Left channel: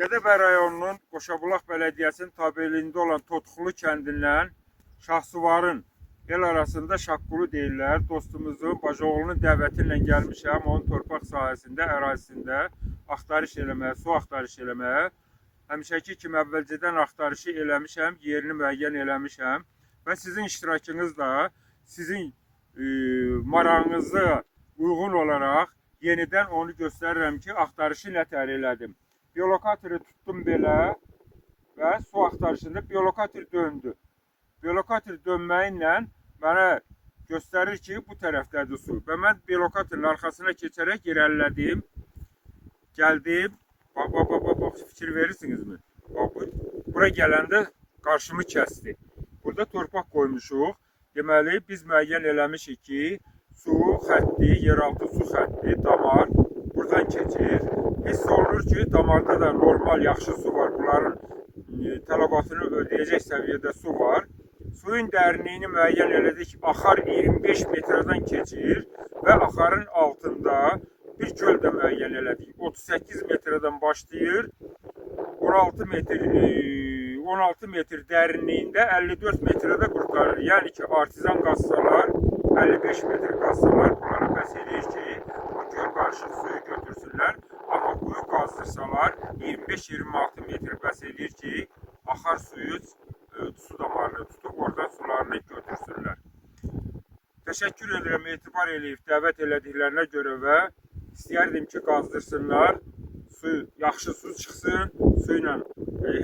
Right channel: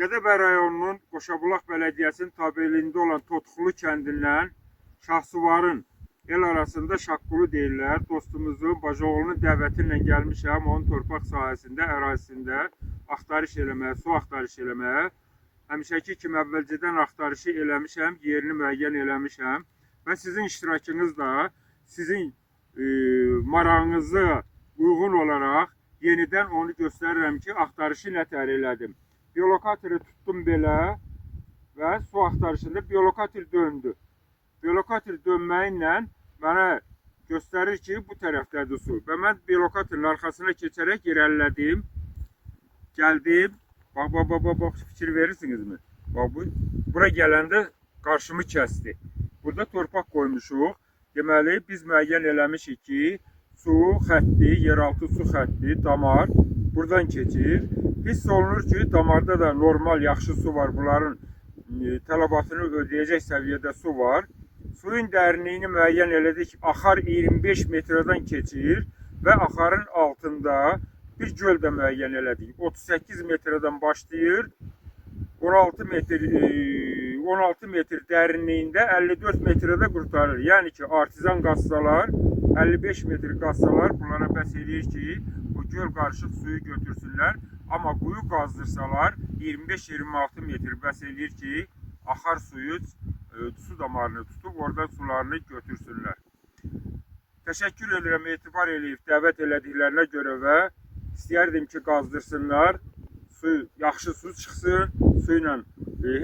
Gədəbəy rayonunun Qoşabulaq Bələdiyyəsinin tabeliyində olan Totxulu kəndindən Şahsuvarın el arasında Şaqqulu deyirlər. Dostumuzun Bajoğlu'nun dəvəti ilə gəlmişəm. Onun torpaq sahəsində, ərazisində axtarış eləməyə, su axtarış eləməyə. Həmişəki kimi əvvəlcədən axtarışı eləmişəm, yerini müəyyən eləmişəm. Və sizin iştirakınızla sizin marağınıza uyğun olaraq yenidən onu göstərirəm ki, axtarışı nətər elədim. Biolokatörü tutdum belə və su axtarışında biolokatör döndü. Biolokatör dönməyinlə mənə göstərir ki, bu tərəfdədir su. Və mən biolokatörün arxasına keçərək irəlilədim. Gəldim. Bax, fikir verirsinizmi? Bura gələndə qarşımı kəsdi. Burada torpaq qoymuşuq. Deməli, biz müəyyən eləmişik ki, su xətti, yeraltı su xətti, damar buradan keçir. Hiss olunur ki, damarda da normal, yaxşı su var. Bunların tələbatını ödəyəcək səviyyədə su var. Suyun dərinliyini müəyyən elədik. Axar 25 metrdən keçir və axarın altında bir göl də müəyyən elədik. 38 metrdən başlayır. 16 metr dərinliyində 54 metrədə qurtarır. Yəni ki, artizan qazsalar, 55 metr qazsalar bunlara bəs edir ki, o göl qarışıq suyu götürsünlər. Amma quyu qazdırsalar 25-26 metr bəs edir ki, axar suyu su damarını tutub oradan sularını götürsünlər. Təşəkkür edirəm, etibar eləyib dəvət elədiklərinə görə və istəyərdim ki, qazdırsınlar. Yaxşı su çıxsın, su ilə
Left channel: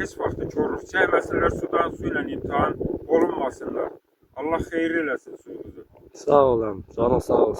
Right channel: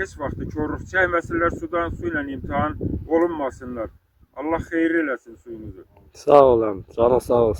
heç vaxt korluq çəkməsinlər, sudan su ilə imtihan olunmasınlar. Allah xeyir eləsin suyumuzu. Sağ olun, canın sağ olsun.